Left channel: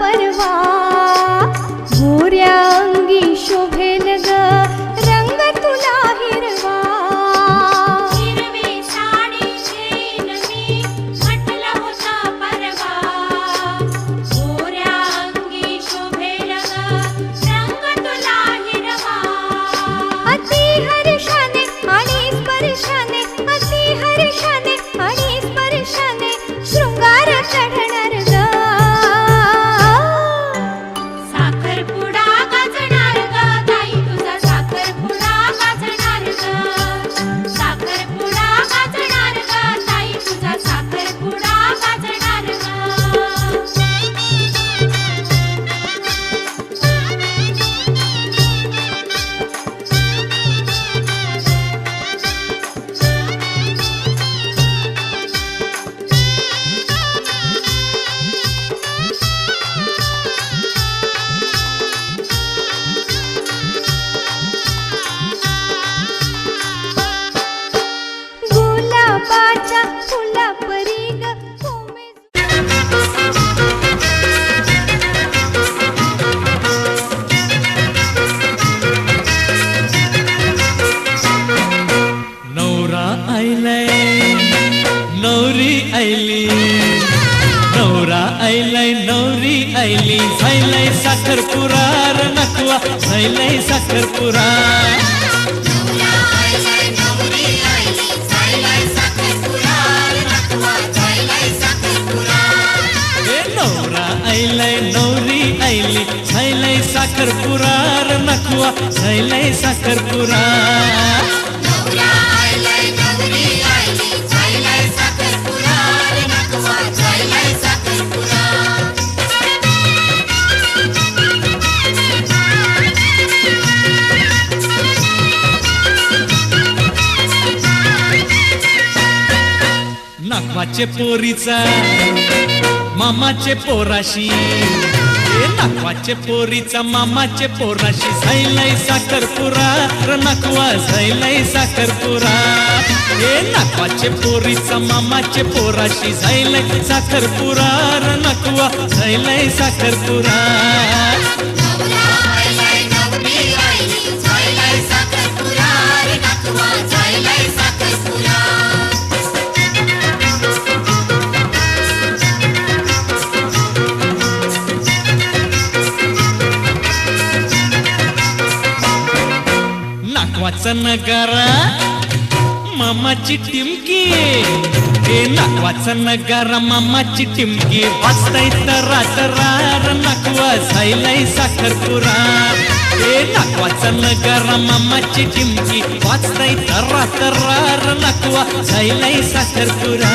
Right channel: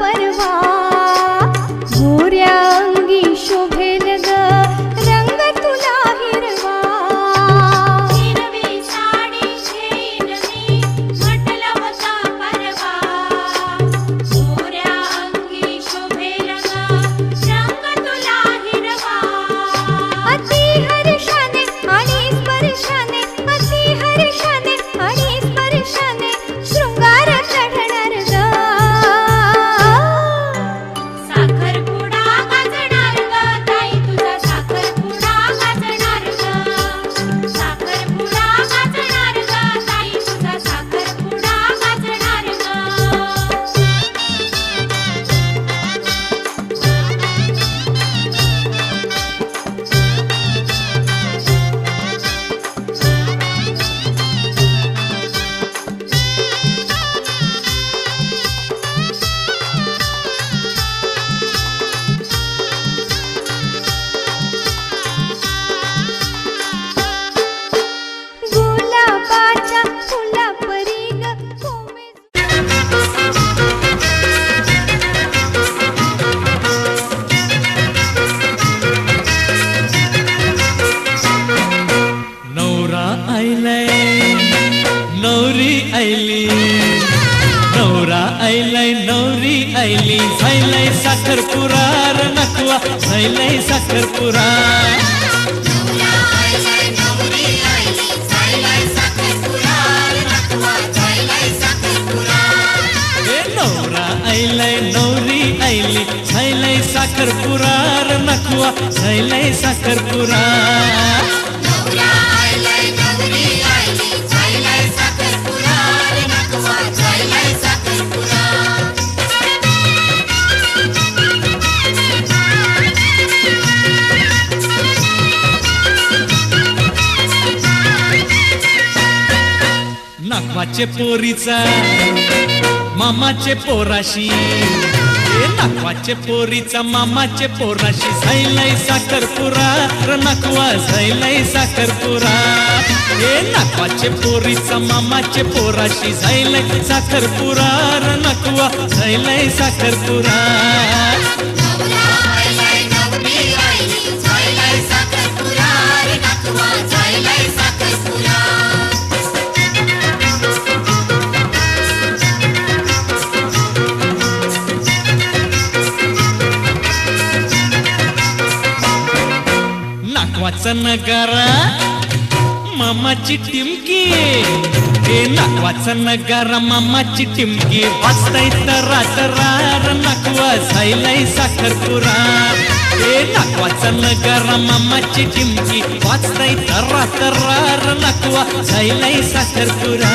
परवा मोऱ्या अंगी शोभेल ग रंग तुला हिरवा हिरवी साडी घेईन मी म्हटलं होता परवा मोऱ्या अंगी शोभेल ग रंग तुला हिरवा अति हर्षाने आणि स्पर्शाने अति हर्षाने आणि स्पर्शाने शृंगार चढणार ग साखरपुडा गाजणार ग ताई तुझा साखरपुडा गाजणार ग साखरपुडा गाजणार ग ताई तुझा साखरपुडा गाजणार गुलाबाच्या फुलापरी ग कोमेज नवरा आयलाय नवरी आयली नवरा आयलाय नवरी आयली झायलाय साखरपुरा र नकवा झायलाय साखरपुरा नवरा आयलाय नवरी आयली झायलाय साखरपुडा नकवा झायलाय साखरपुडा हे नवरा आयलाय नवरी आयली झायलाय साखरपुरा र नकवा झायलाय साखरपुरा नवरा आयलाय नवरी आयली झायलाय साखरपुडा नकवा झायलाय साखरपुडा नाकवाचे पोरीचा मामाचे पोराशी हे नाकवाचे पोरीचा मामाचे पोराशी झायलाय साखरपुरा र नकवा झायलाय साखरपुरा हे नाकवाचे पोरीचा मामाचे पोराशी झायलाय साखरपुरा र नकवा झायलाय साखरपुरा नवरा आयलाय नवरी आयली झायलाय साखरपुडा नकवा झायलाय साखरपुडा नाकवाचा नगारा मामाची टिमकी हे नाकवाचा नगारा मामाची टिमकी वाजताय तरा तरार नकवा झायलाय साखरपुरा हे नाकवाचा नगारा मामाची टिमकी वाजताय तरा तरार नकवा झायलाय साखरपुरा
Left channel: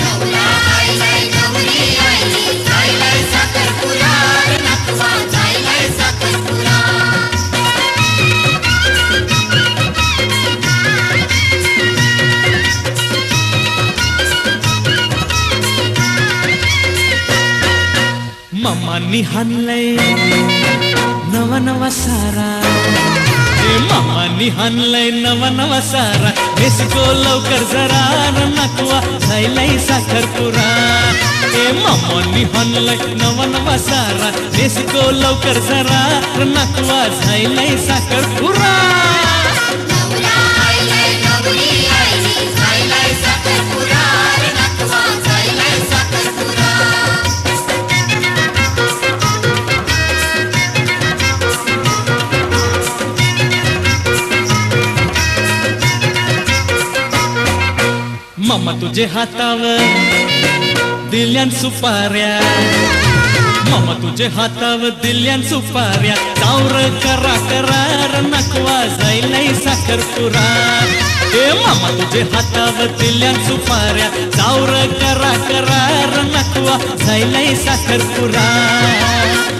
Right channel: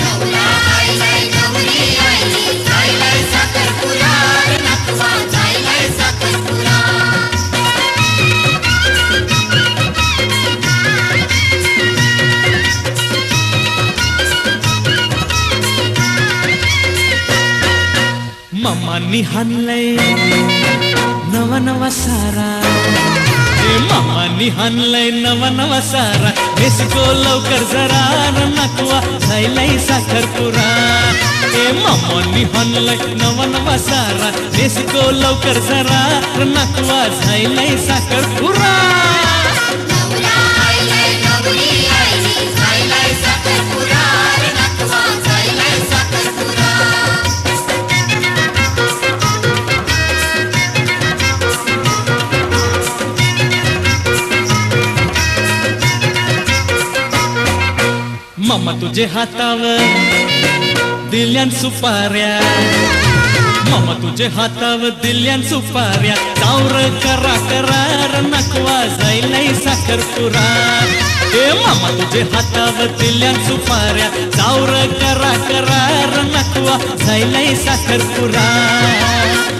नवरा आयलाय नवरी आयली झायलाय साखरपुडा नकवा झायलाय साखरपुडा मामानी हाणलंय नवा नवा सारा हे मामानी हाणलंय नवा नवा सारा बेसको लवकर जरा र नकवा झायलाय साखरपुरा हे मामानी हाणलंय नवा नवा सारा बेसको लवकर जरा र नकवा झायलाय साखरपुरा नवरा आयलाय नवरी आयली झायलाय साखरपुडा नकवा झायलाय साखरपुडा मामा तुझे हातावर दिल्यान सुपाऱ्या मामा तुझे हातावर दिल्यान सुपाऱ्या चावर करा करार नकवा झायलाय साखरपुरा हे मामा तुझे हातावर दिल्यान सुपाऱ्या चावर करा करार नकवा झायलाय साखरपुरा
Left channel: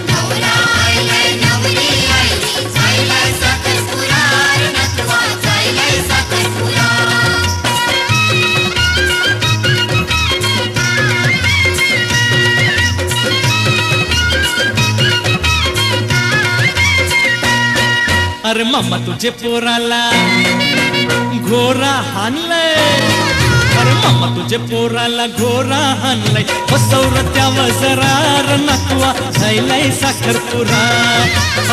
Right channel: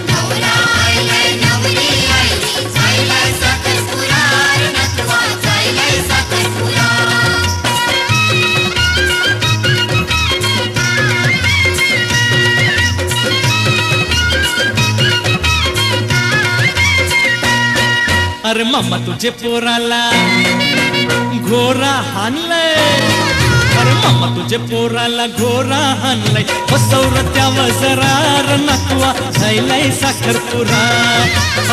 नवरा आयलाय नवरी आयली झायलाय साखरपुडा नकवा झायलाय साखरपुडा अरे मामा तुझे पोराला घोरा हाणलंय अरे मामा तुझे पोराला घोरा हाणलाय बसवर त्यावर जरार नकवा झायलाय साखरपुरा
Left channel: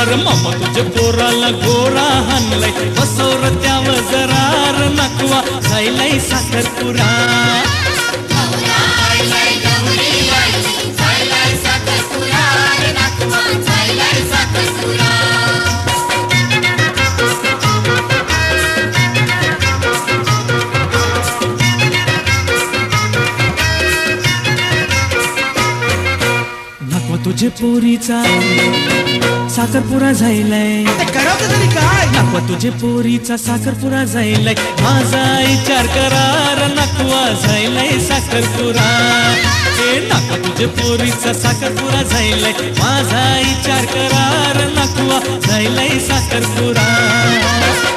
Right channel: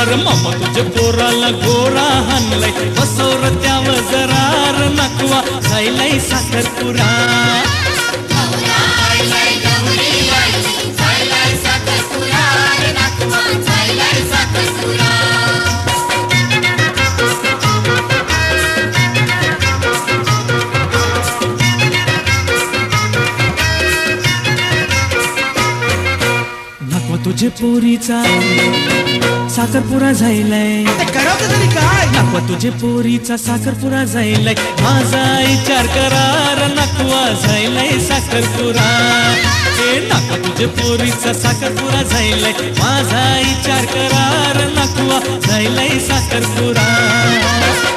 अरे मामा तुझे पोराला घोरा हाणलाय बसवर त्यावर जरार नकवा झायलाय साखरपुरा नवरा आयलाय नवरी आयली जायलाय साखरपुरा रे नातवा जायलाय साखरपुरा नकवा तुझे पोरीचा साखरपुरा झायलाय करावं तरी काय नकवा तुझे पोरीचा साखरपुरा झायलाय माझा विचार करार नकवा झायलाय साखरपुरा ए नकवा तुझे पोरीचा साखरपुरा झायलाय माझा विचार करार नकवा झायलाय साखरपुरा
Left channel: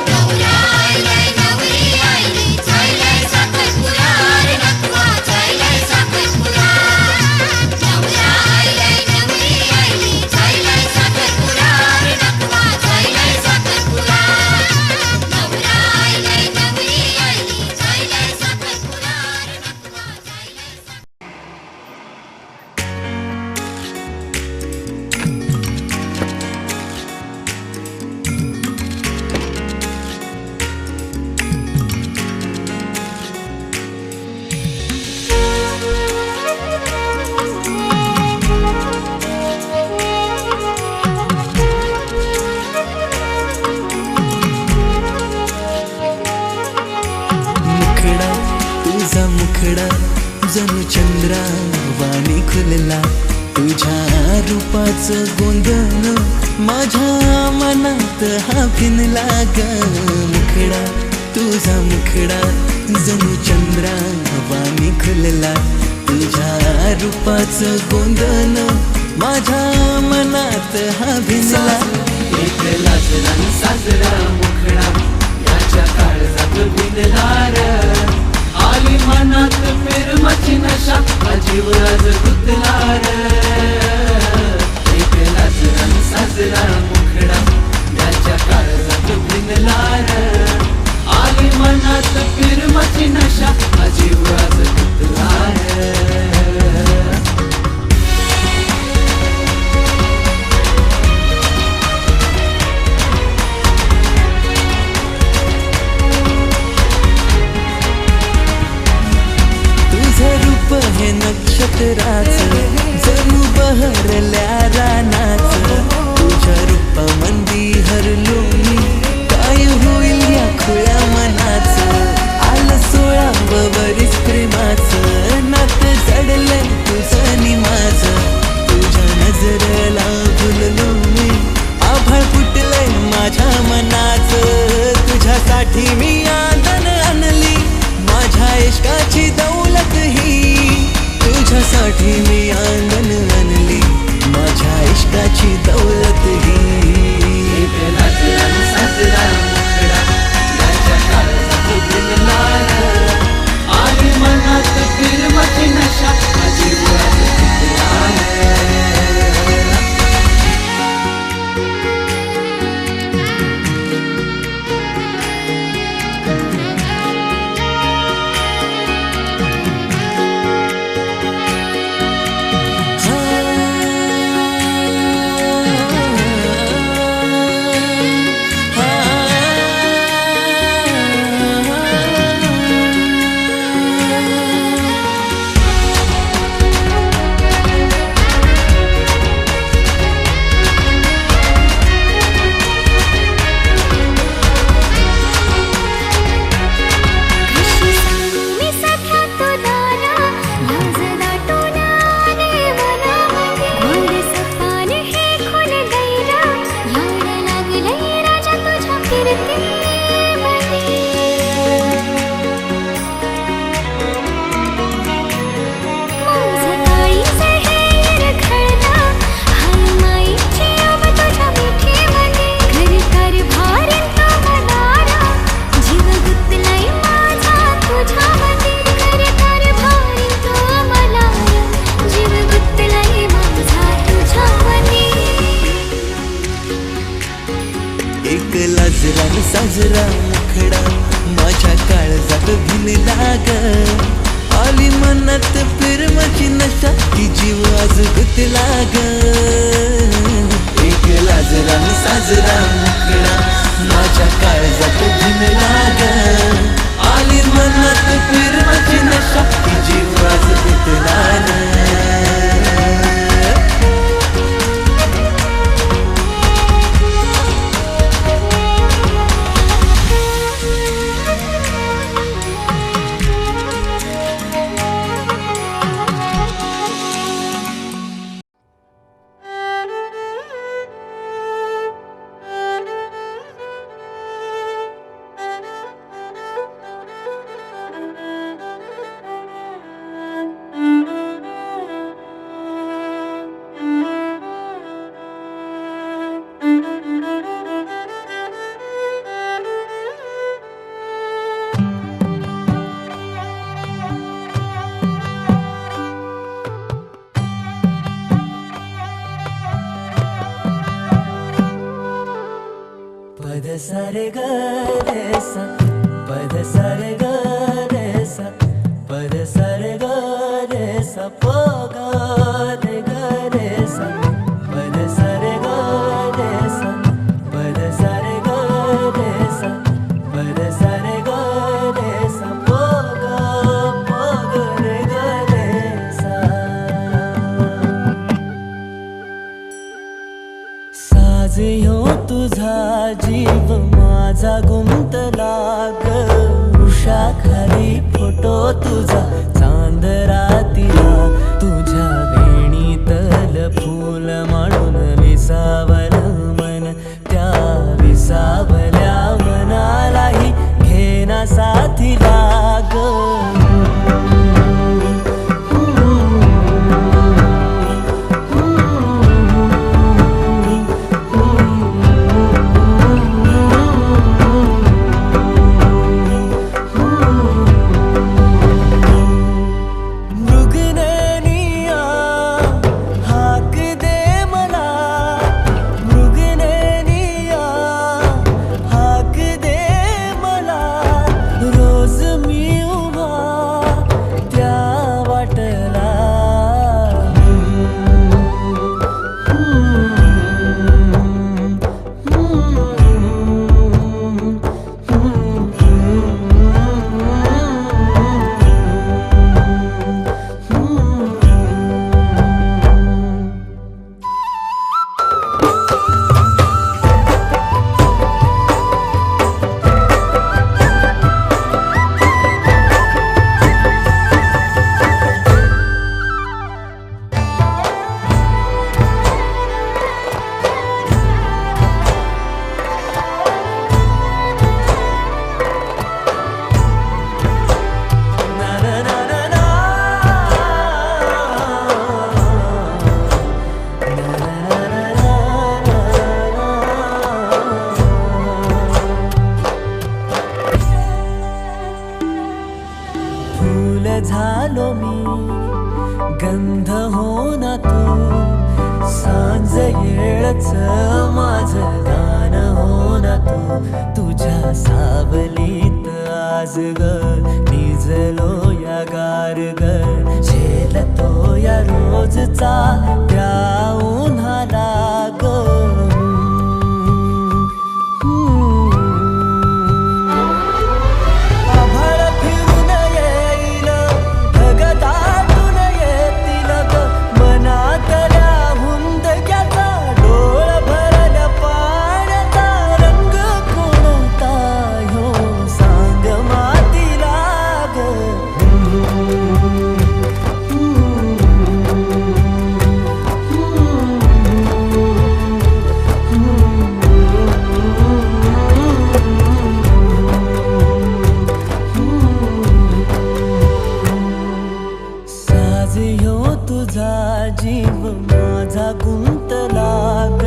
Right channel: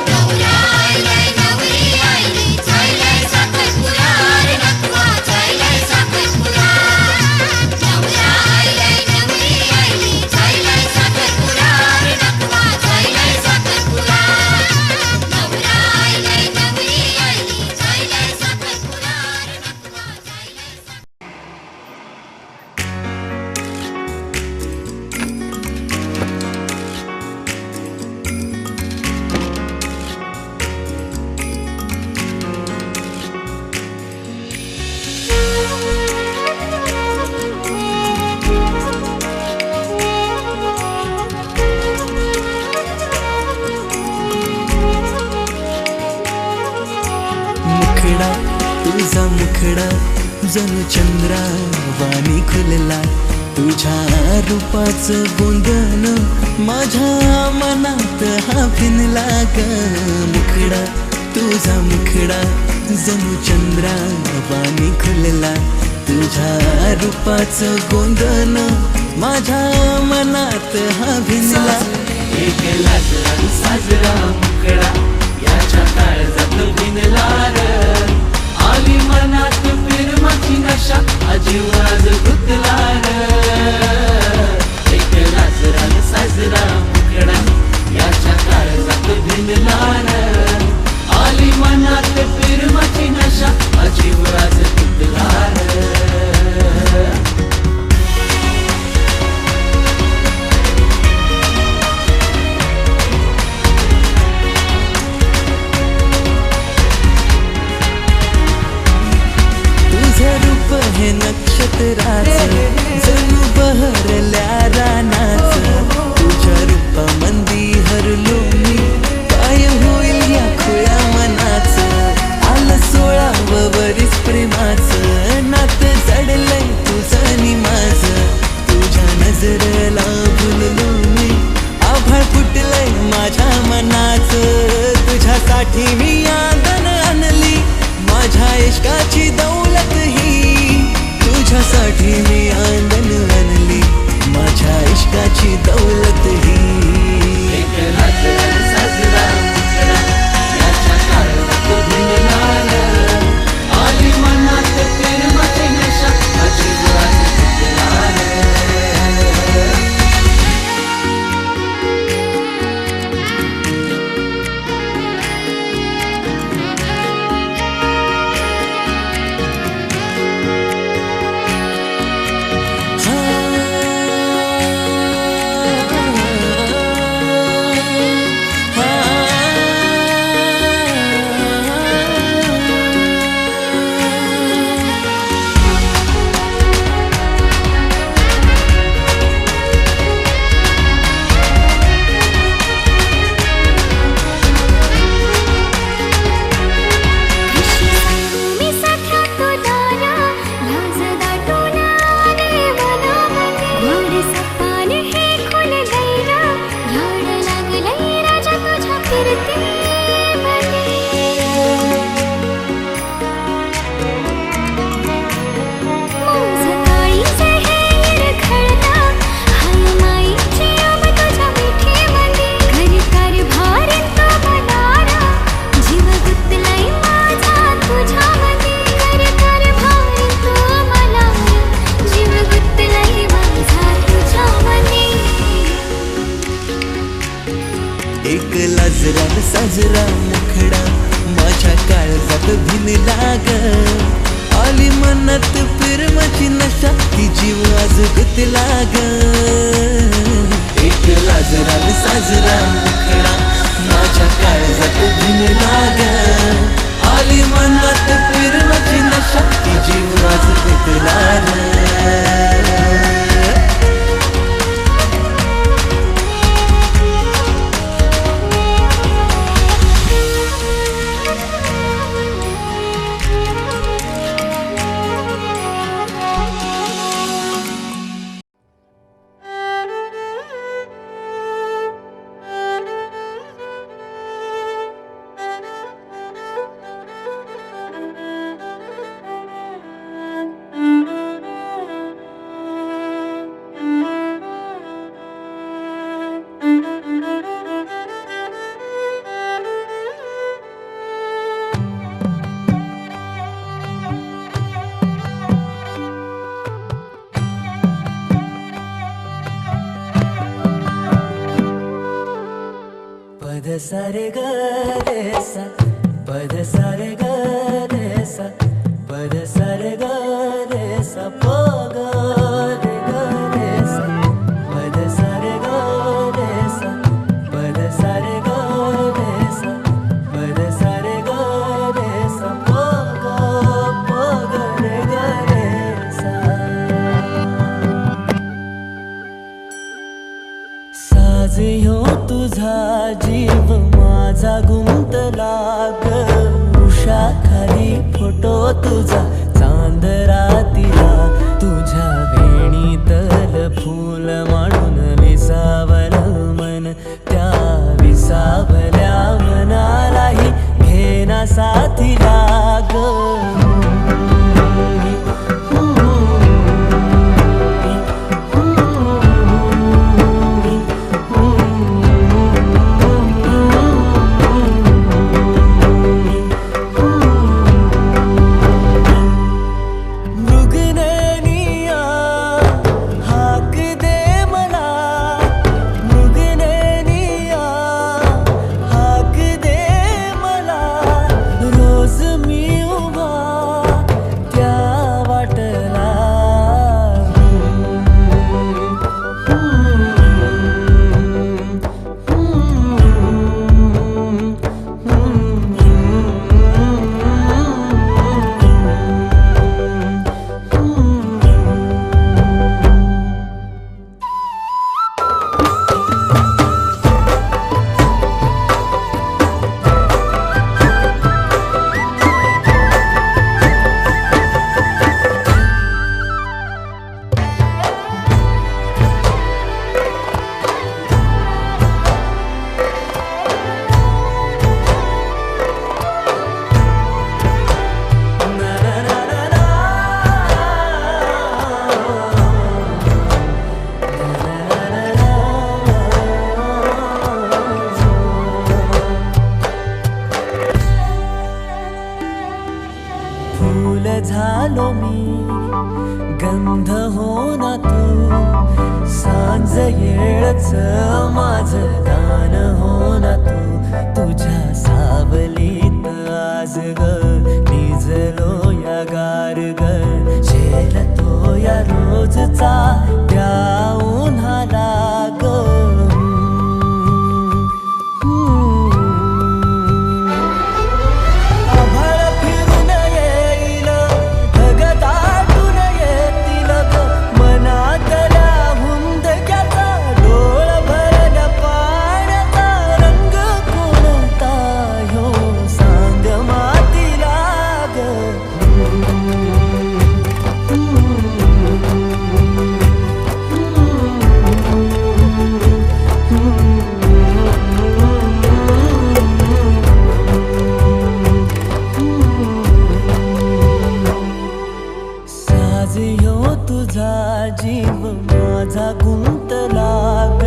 नवरा आयलाय नवरी आयली जायलाय साखरपुरा रे नातवा जायलाय साखरपुरा नवरा आयलाय नवरी आयली जायलाय साखरपुरा रे नातवा जायलाय साखरपुरा नवरा आयलाय नवरी आयली जायलाय साखरपुरा रे नातवा जायलाय मुखडा तुझा मुखडा जणू चंद्रा वाणी खुलला तुझ्या रूपाचं गोंधन माझ्या मनात हा भिनला ग मुखडा तुझा मुखडा जणू चंद्रा वाणी खुलला तुझ्या रूपाचं गोंधन माझ्या मनात हा भिनला एक लाजला साजरा मुखडा याच्या काळजात भिनला रे आली मनात प्रेमाची नशा अजीवराज गुदला रे एक लाजला साजरा मुखडा याच्या काळजात भिनला रे आली मनात प्रेमाची नशा अजीवराज गुदला रे तुझं रूप हे नक्षत्राचं जणू बहरल्या रानाचं तुझ्या रूपामंदी हरलो मी काय होईल या खुळ्या मनाचं आलं 16 वरीस प्रेमाचं नातं जडलंय तुझं आणि माझं तुझ्या नजरेला भुललो मी आभाळ फुटलंय माझ्या मनाचं तुझ्यासाठी मी आदन आणली माझ्या इश्काची दौलत ही तुझ्यासाठी मी आंगण आणली माझ्या इश्काची दौलत ही कशी सांगू मी सख्या तुला लाज दाटून आले मनामध्ये गोड सपान हे खोल गैरा याड लागलंय राजा तुझ्या फिरते माझं काळीचं हे रखडला हाय माईची आब तुझ्या मिठीमध्ये घर कारभार तो मनारा जीव गुंतलाय माझा तुझ्यामध्ये घर कारभार तो मनारा जीव गुंतलाय माझा तुझ्यामध्ये एक लाजरा साजरा मुखडा माझ्या काळजात भिनला ग. आली मनात प्रेमाची नशा की जीव आज गुतला ग. एक लाजरा न साजरा मुखडा माझ्या काळजात भिनला ग. आली मनात प्रेमाची नशा की जीव आज गुतला ग. पद सारे ग रे सा, पद सारे ग रे सा, पद सारे ग रे सा, प ग रे ग रे सा, पद सारे ग रे सा, पद सारे ग रे सा, पद सारे ग रे सा, प ग रे ग रे सा. साज ह्यो तुझा जीव माझा गुंतला ग. उषाखाली फोटो तुझा चांद रातीला, तुझ्या वेणीतल फूल मांडून विसावल मन. त्या विसावल्या मनालाही घेना साथीला ग. झालो मी गंध हो ना तू. सांज येळच माझं दान हो ना तू. तुझ्या सावलीत आज ग निजलो या गार ग. झेलतो या रोजचा त्या उन्हाला ग. तुझा जीव माझा गुंतला ग.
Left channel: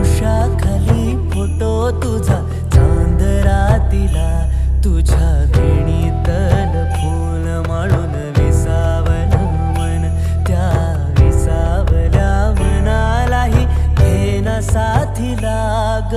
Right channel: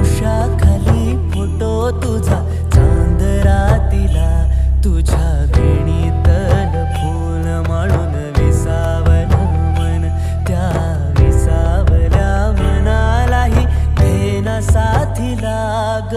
उषाखाली फोटो तुझा चांद रातीला, तुझ्या वेणीतल फूल माळून विसावल मन. त्या विसावल्या मनालाही घेना साथीला ग.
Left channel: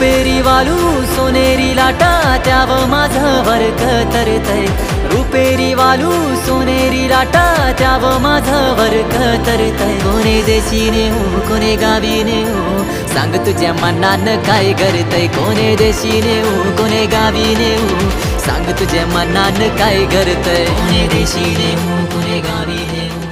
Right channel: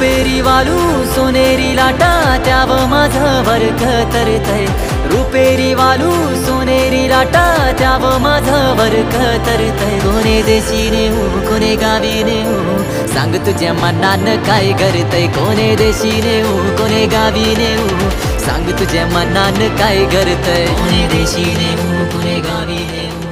रुपेरी वालू सोनेरी लाटा त्याव माझं वरक तरतय रुपेरी वालू सोनेरी लाटा त्याव माझं वरक तरतय कोणे देशीने हो कोणे गावीने हो सांग तुझ्या मनानं काय करतय कोणे देशीने हो कोणे गावीने हो सांग तुझ्या मनानं काय करतय कोणे देशीने हो कोणे गावीने हो